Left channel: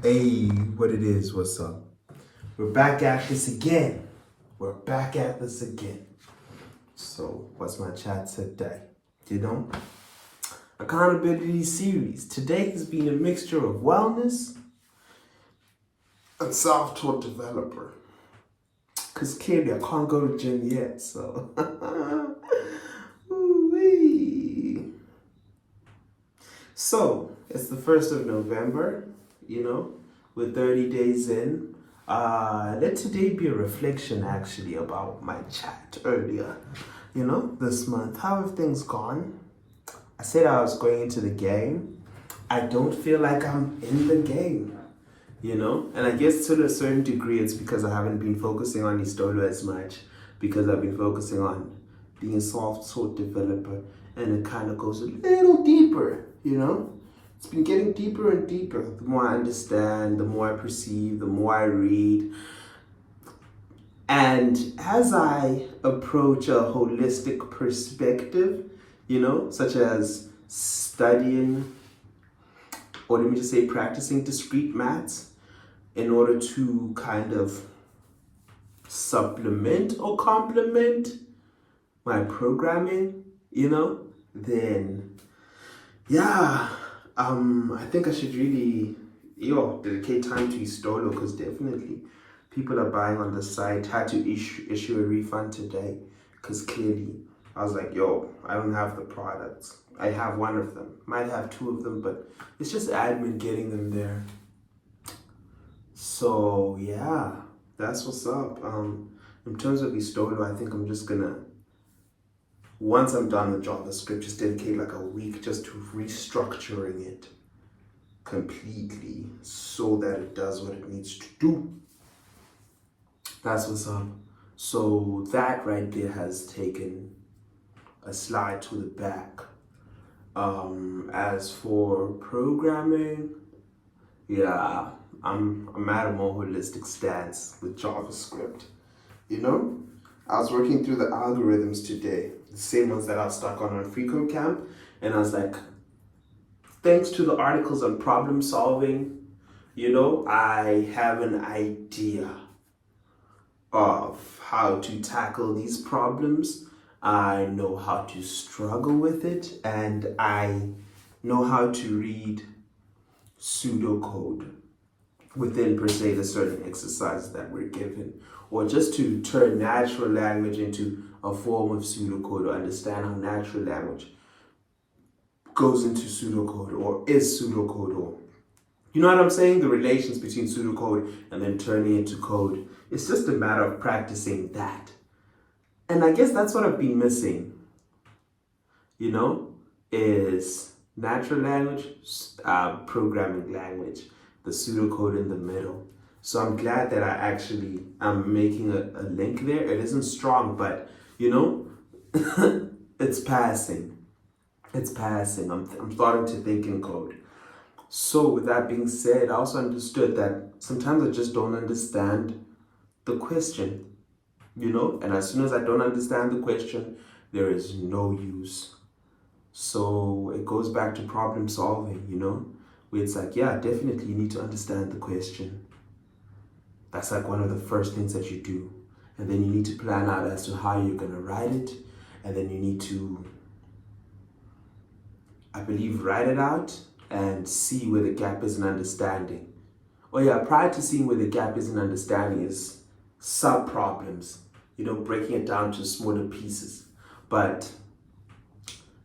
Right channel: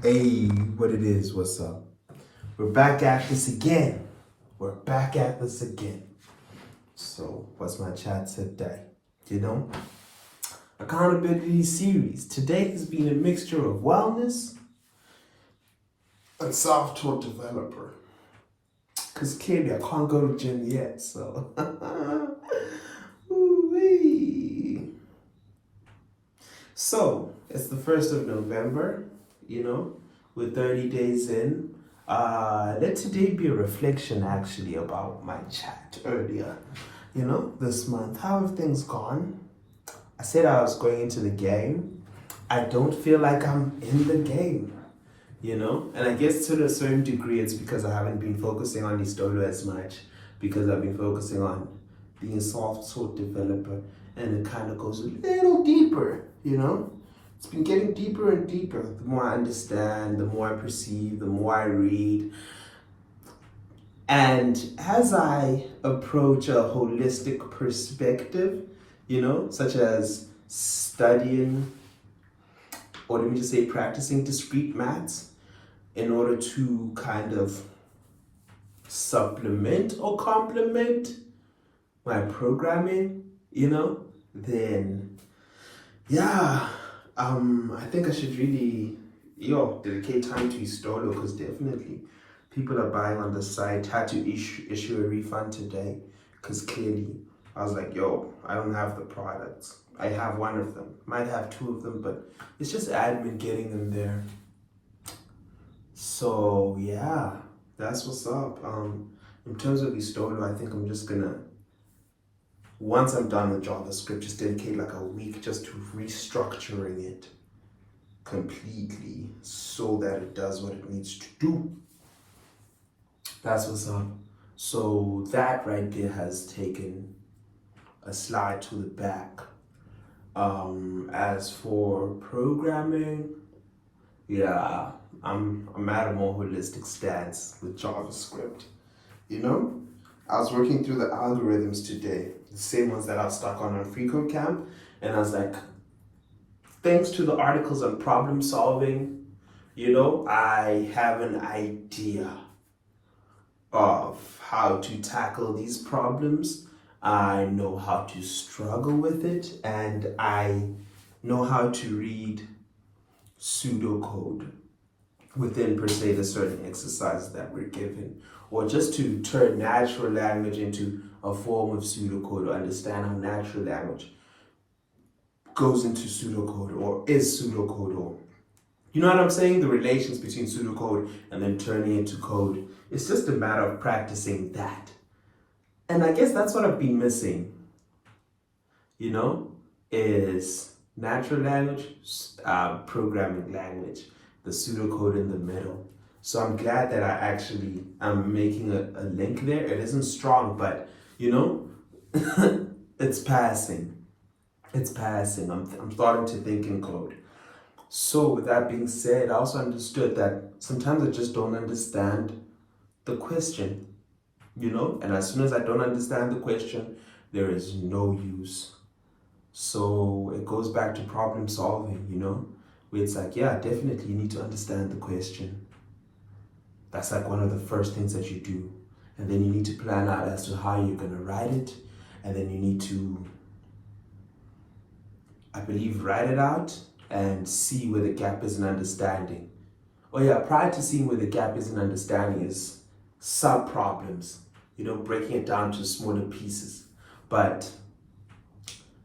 Hey, what it is, what's up? We're back at this again. We're back at this again. So, what's my chat today? You know, accountability series. Today has been a mixture of wellness and self-taught developer. Because clearly I can't go to gym yet, so. Ooh-wee. So, it's the 1st of November, you know, we're 30 days in. Let today be a reflection actually about my chat earlier, you know, this month. How have things gone? I said I was going into the game. I don't feel like I'm in the game, you know? And I guess to a certain degree, it's because I haven't been focusing on Istolo as much, because I've been focusing on being a soft-taught developer, and it kind of goes a little deeper, you know? It's been getting deeper and deeper. The more I understand, the more I perceive, the more I read. And as I approach a holistic perspective, you know, such as studying, or let me just say practicing discrete maths in order to kind of supplement or complement my programming, you know, then yeah, I think I should really, dedicate time to Istolo, because definitely people are buying on the site. Had to issue a refund today because clearly I was like, I don't have the products. I have one of them, might have two of them, but it's just admin getting them there. So yeah, that's what's up. In terms of Istolo, I think I'm just gonna, once I'm done with JavaScript, just dedicate like a week just to restructuring it completely so that it does what it needs to do. That's what's up. So that right there has taken a slide to the back. As for programming, yeah, I'm at a more holistic stance with JavaScript. You know, I was working through the algorithms today, the same ones that I've stuck on FreeCodeCamp, and I was like, thanks to the articles on problem solving, you know, I have an idea of how to tackle these problems. I know how to struggle with it, and I know how to read pseudocode within, per se, the certain exercises that we're given, or just to turn natural language into a form of pseudocode, or understand how natural language goes into pseudocode or is pseudocode, or you know what I'm saying? The relations between pseudocode and then turning into code. It's just a matter of practicing that. And I guess that's what I've been missing, you know, is natural language, programming language, the pseudocode in the middle. So I'm glad that I'm making a link there. It isn't strong, but you know, it's passing. It's passing. I'm starting to think in code. So with that being said, I also understood that sometimes I just don't understand the question, you know? And as soon as I don't understand the question, there is no use. So it goes back to problem solving, you know? Where it's like, yeah, definitely you need to understand the question. That's like one of the first things that you do. And then you need to plan out as to how you're gonna write it. And then you need to, I believe, write it out and see where the gap is in understanding. Oh yeah, prior to seeing where the gap is in understanding is sub-problems, you know, breaking it down to smaller pieces. But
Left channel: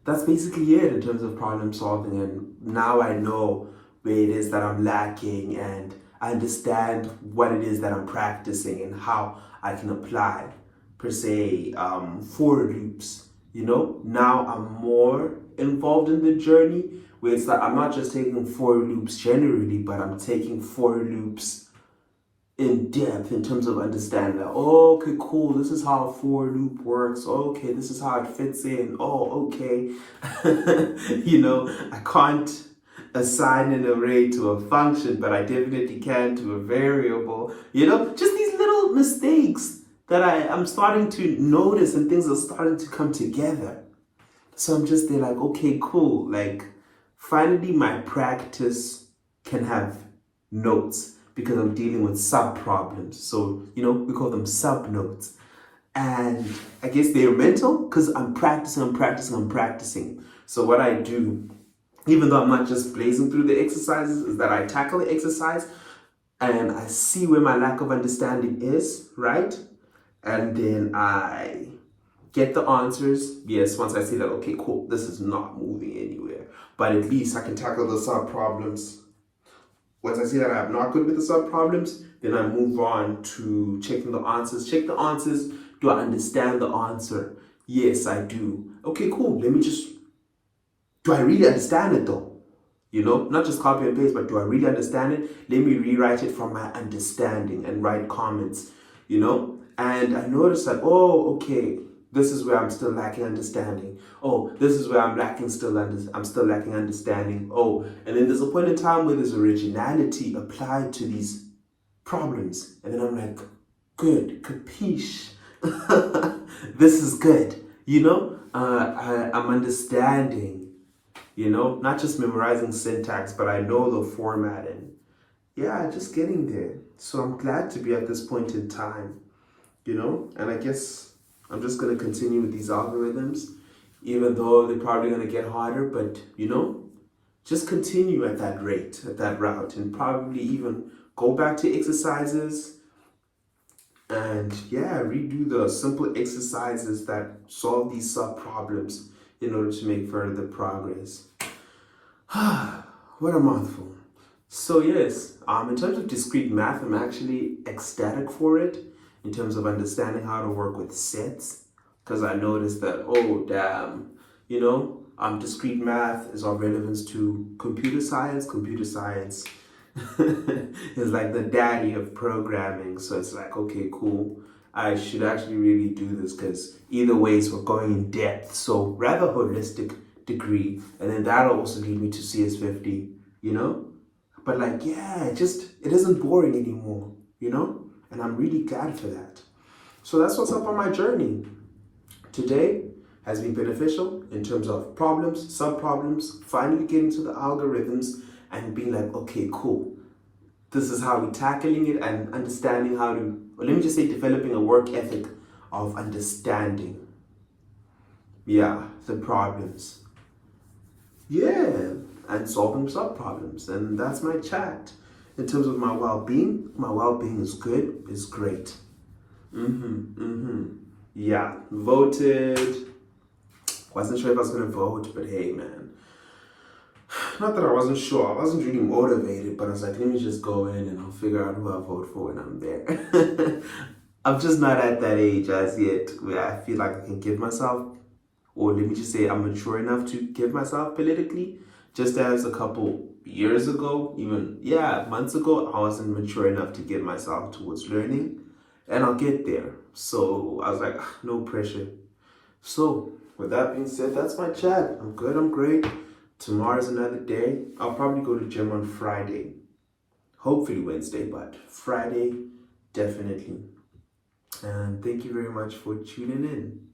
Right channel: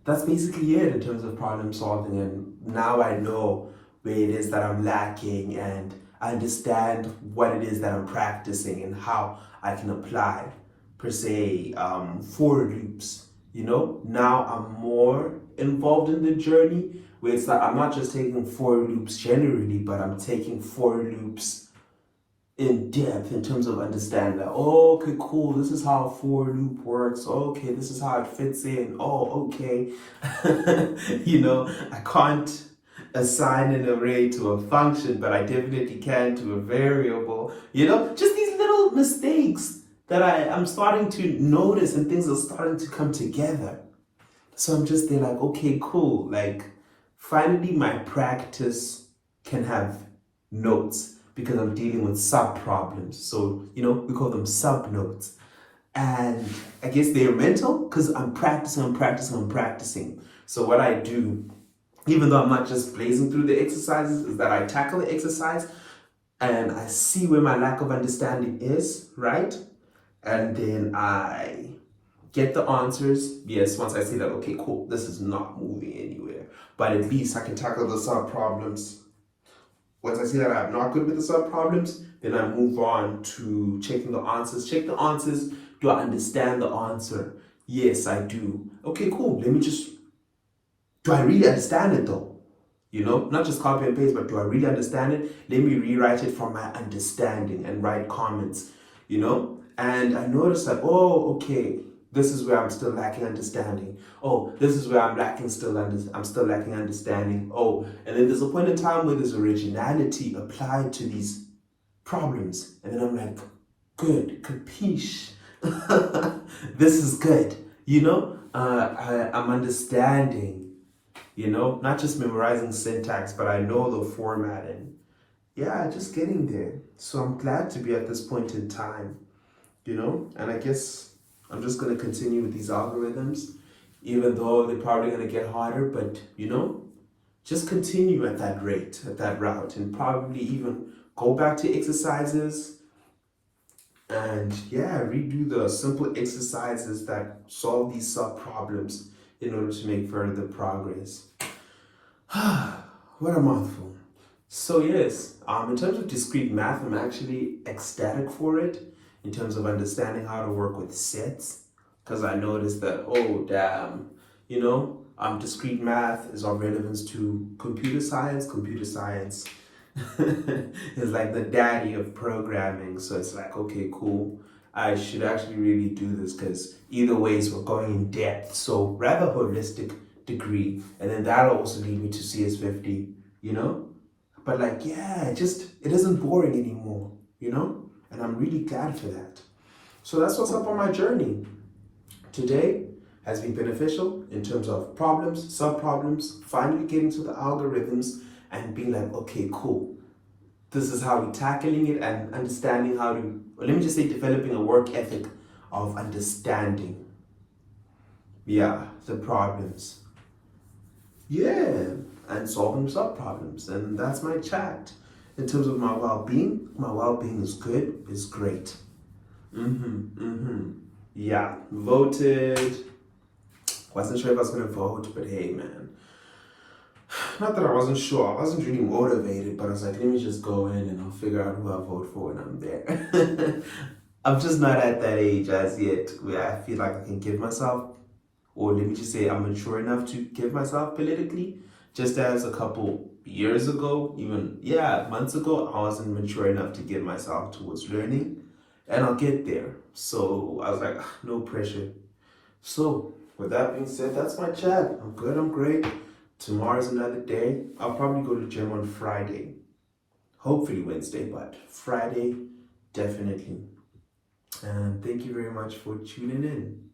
that's basically it in terms of problem solving. And now I know where it is that I'm lacking, and I understand what it is that I'm practicing and how I can apply, per se, for loops. You know, now I'm more involved in the journey, where it's like I'm not just taking for loops generally, but I'm taking for loops in depth in terms of understanding that, oh, okay, cool, this is how a for loop works. Okay, this is how it fits in. Oh, okay. You know, I can't assign an array to a function, but I definitely can to a variable. You know, just these little mistakes that I'm starting to notice, and things are starting to come together. So I'm just there like, okay, cool. Like, finally my practice can have notes because I'm dealing with sub problems. So, we call them sub notes. And I guess they're mental because I'm practicing. So what I do, even though I'm not just blazing through the exercises, is that I tackle the exercise and I see where my lack of understanding is, right? And then I get the answers. Yes, once I see that, okay, cool, this is not moving anywhere. But at least I can tackle the sub problems. Once I see that I'm not good with the sub problems, then I move on to checking the answers. Check the answers. Do I understand the answer? Yes, I do. Okay, cool. Do I really understand it though? Not just copy and paste, but do I really understand it? Let me rewrite it from my understanding and write comments, And I noticed that, oh, okay, this is where I'm still lacking understanding. Oh, this is where I'm still lacking understanding. Oh, and then there's a point in time where there's originality applied to these problems. And then I'm like, good, capiche. This is good. I'm understanding, not just memorizing syntax, but I know the format and just getting there. So I'm glad to be at this point in time, and I guess I'm just going to continue with these algorithms, even though they're probably going to get harder, but just continue at that rate, at that route, and probably even go back to exercises and redo the simple exercises that solve these sub problems in order to make further progress. What a mouthful. So yes, in terms of discrete math, I'm actually ecstatic for it in terms of understanding how to work with sets, because I noticed that, oh damn, discrete math is of relevance to computer science. Computer science is like the daddy of programming. So it's like, okay, cool. I should actually really do this because either ways we're going in depth. So rather holistic degree. And then that'll also lead me to CS50, But it isn't boring anymore, And I'm really glad for that. So that's what's up on my journey. Today has been beneficial in terms of problems, sub-problems, finally getting to the algorithms and being like, okay, cool. This is how we're tackling it and understanding how to, or let me just say developing a work ethic of understanding. The problems. And solving sub-problems. And that's my chat. In terms of my well-being is good, is great. Voted. Wasn't sure if I was going to vote, but hey, man. Not that I wasn't sure. I wasn't really motivated, but I was like, let me just go in and I'll figure out who I vote for when I'm there. I'm just not at that age as yet where I feel like I can give myself, or let me just say I'm mature enough to give myself politically, just as a couple years ago, even, months ago, I wasn't mature enough to give myself towards learning, and I'll get there. So I was like, no pressure. So with that being said, that's my chat. I'm good, I'm great. Tomorrow's another day. I'll probably go to the gym on Friday. Hopefully Wednesday, but Friday, definitely. And thank you very much for tuning in.